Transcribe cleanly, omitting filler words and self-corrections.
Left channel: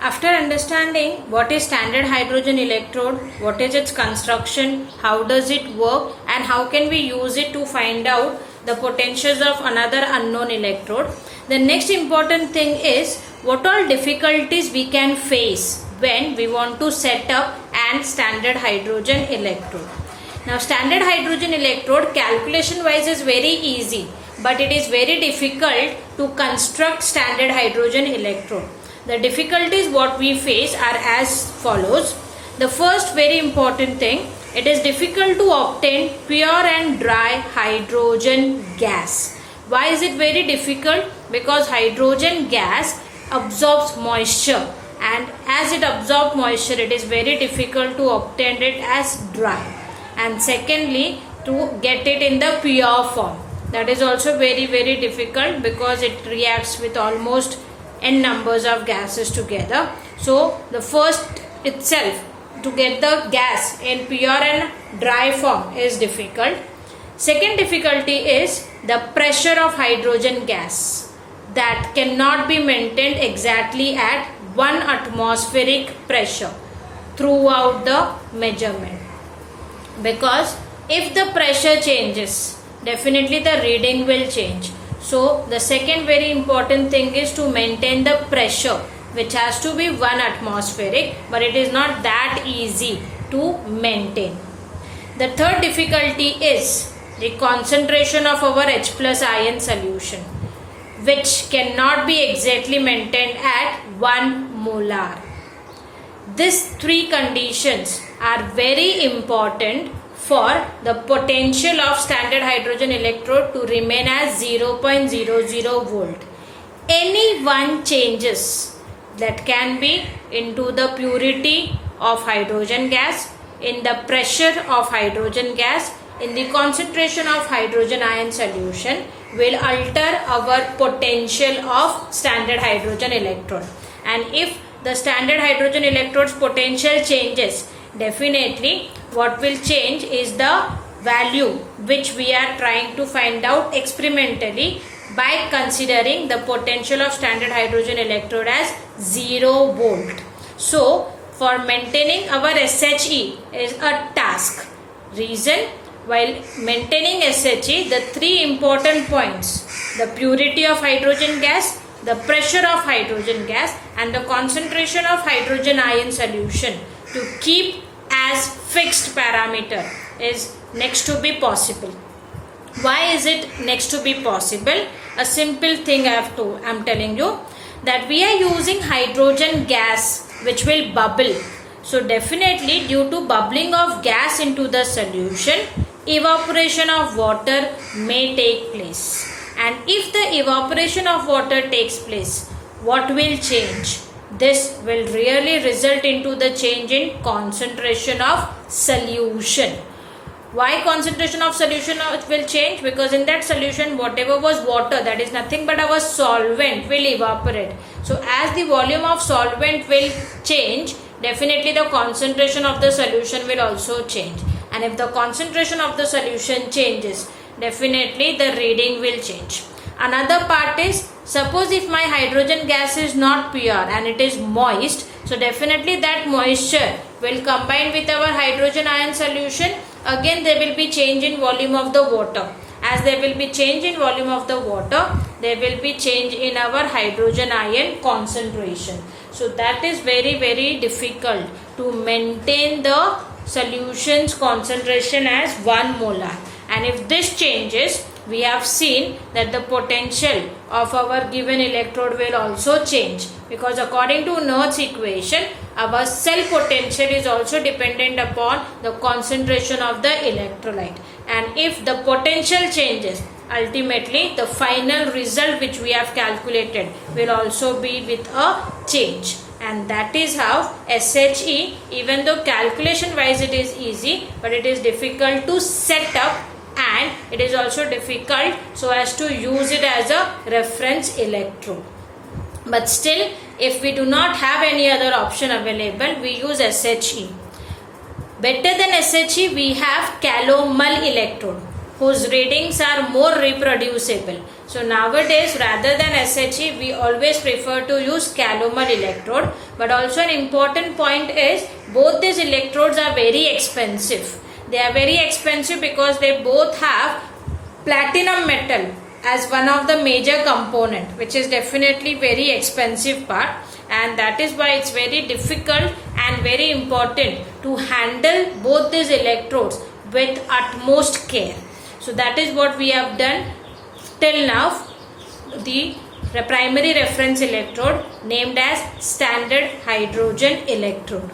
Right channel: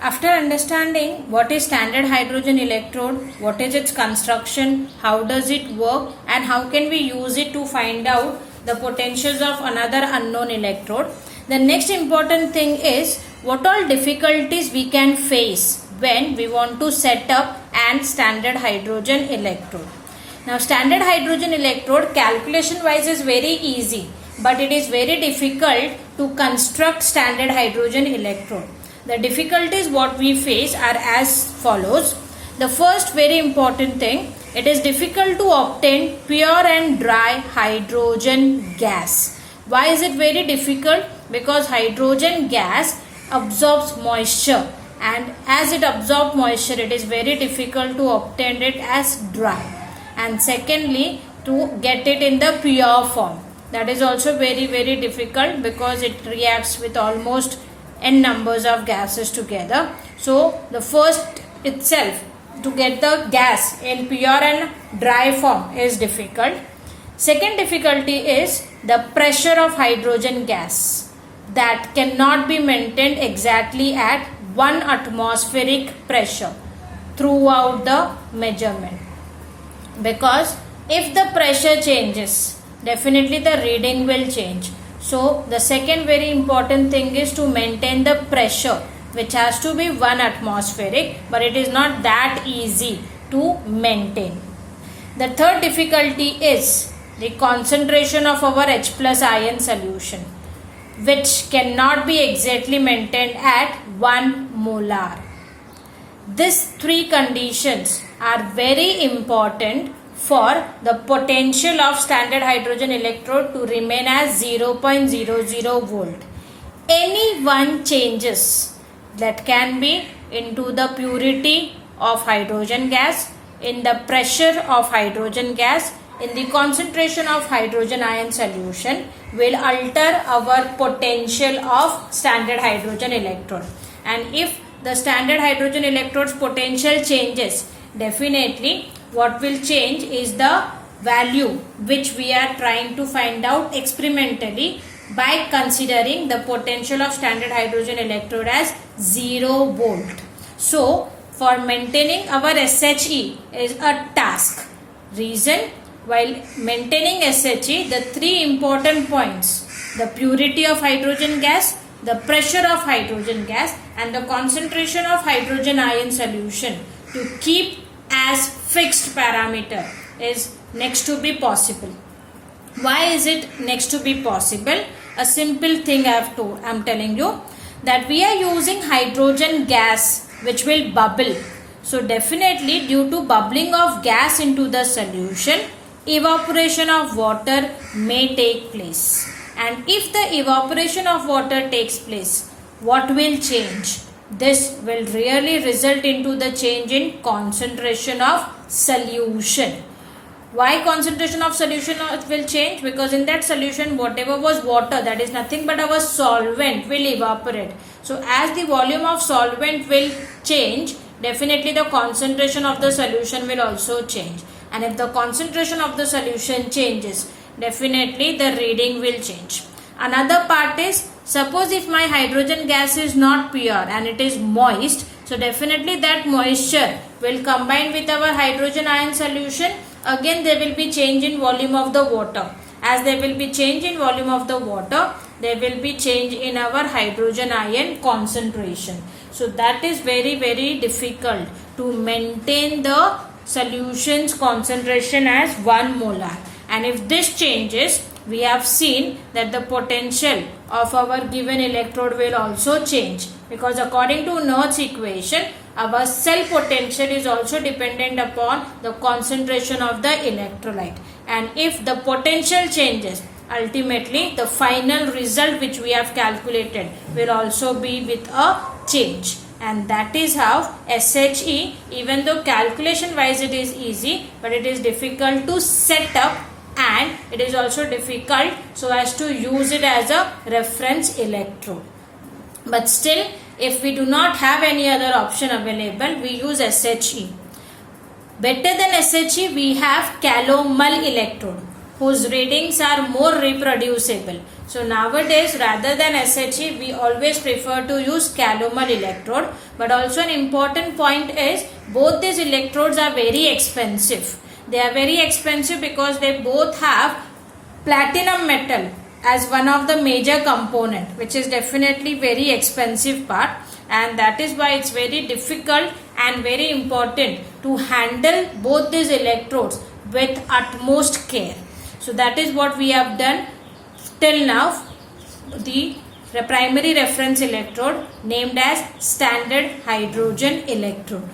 After understanding what is standard hydrogen electrode, what is its construction, how does it work, and how can we use it to find out the potentials of another unknown electrode, the next important thing is what all difficulties we can face when we want to set up an standard hydrogen electrode. Now, standard hydrogen electrode calculation wise is very easy, but it is very difficult to construct standard hydrogen electrode. The difficulties what we face are as follows. The first very important thing, it is difficult to obtain pure and dry hydrogen gas. Why is it very difficult? Because hydrogen gas absorbs moisture, and as it absorbs moisture, it is very difficult to obtain it as dry. And secondly, to get it in the pure form. That is also very difficult because it reacts with almost n numbers of gases together. So the first itself to get the gas in pure and dry form is difficult. Second difficulty is the pressure of hydrogen gas that cannot be maintained exactly at 1 atmospheric pressure throughout the measurement, because if the pressure changes, definitely the reading will change. So the second very important thing is to maintain the pressure, which has to be 1 atmospheric, but it is not that easy to maintain. The third difficulty is the concentration of our H plus ion solution, which cannot be exactly maintained at 1 molar. These three conditions are very important for the potential of standard hydrogen electrode to remain as 0.00 volt. Any one changes that can be into the purity of hydrogen gas, in the pressure of hydrogen gas, in the concentration of hydrogen ion solution will alter our potential of standard hydrogen electrode. And if the standard hydrogen electrode's potential changes, definitely what will change is the value which we are trying to find out experimentally by considering the potential of standard hydrogen electrode as 0 volt. So for maintaining our SHE is a task. Reason, while maintaining SHE, the three important points, the purity of hydrogen gas, the pressure of hydrogen gas, and the concentration of hydrogen ion solution to keep as fixed parameter is next to be possible. Why is it next to be possible? A simple thing I'm telling you, that we are using hydrogen gas which will bubble. So definitely due to bubbling of gas into the solution, evaporation of water may take place. And if the evaporation of water takes place, what will change? This will really result into the change in concentration of solution. Why concentration of solution will change? Because in that solution, whatever was water, that is nothing but our solvent, will evaporate. So as the volume of solvent will change, definitely the concentration of the solution will also change. And if the concentration of the solution changes, definitely the reading will change. Another part is, suppose if my hydrogen gas is not pure and it is moist, so definitely that moisture will combine with our hydrogen ion solution. Again there will be change in volume of the water. As there will be change in volume of the water, there will be change in our hydrogen ion concentration. So that is very difficult to maintain the solution's concentration as 1 molar. And if this changes, we have seen that the potential of our given electrode will also change, because according to Nernst's equation, our cell potential is also dependent upon the concentration of the electrolyte. And if the potential changes, ultimately the final result which we have calculated will also be with a change. And that is how SHE, even though calculation wise it is easy, but it is difficult to set up, and it is also difficult so as to use it as a reference electrode. But still, if we do not have any other option available, we use SHE. Better than SHE, we have Calomel electrode, whose readings are more reproducible. So nowadays, rather than SHE, we always prefer to use calomel electrode. But also an important point is both these electrodes are very expensive. They are very expensive because they both have platinum metal as one of the major component, which is definitely very expensive part, and that is why it's very difficult and very important to handle both these electrodes with utmost care. So that is what we have done till now. The primary reference electrode named as standard hydrogen electrode.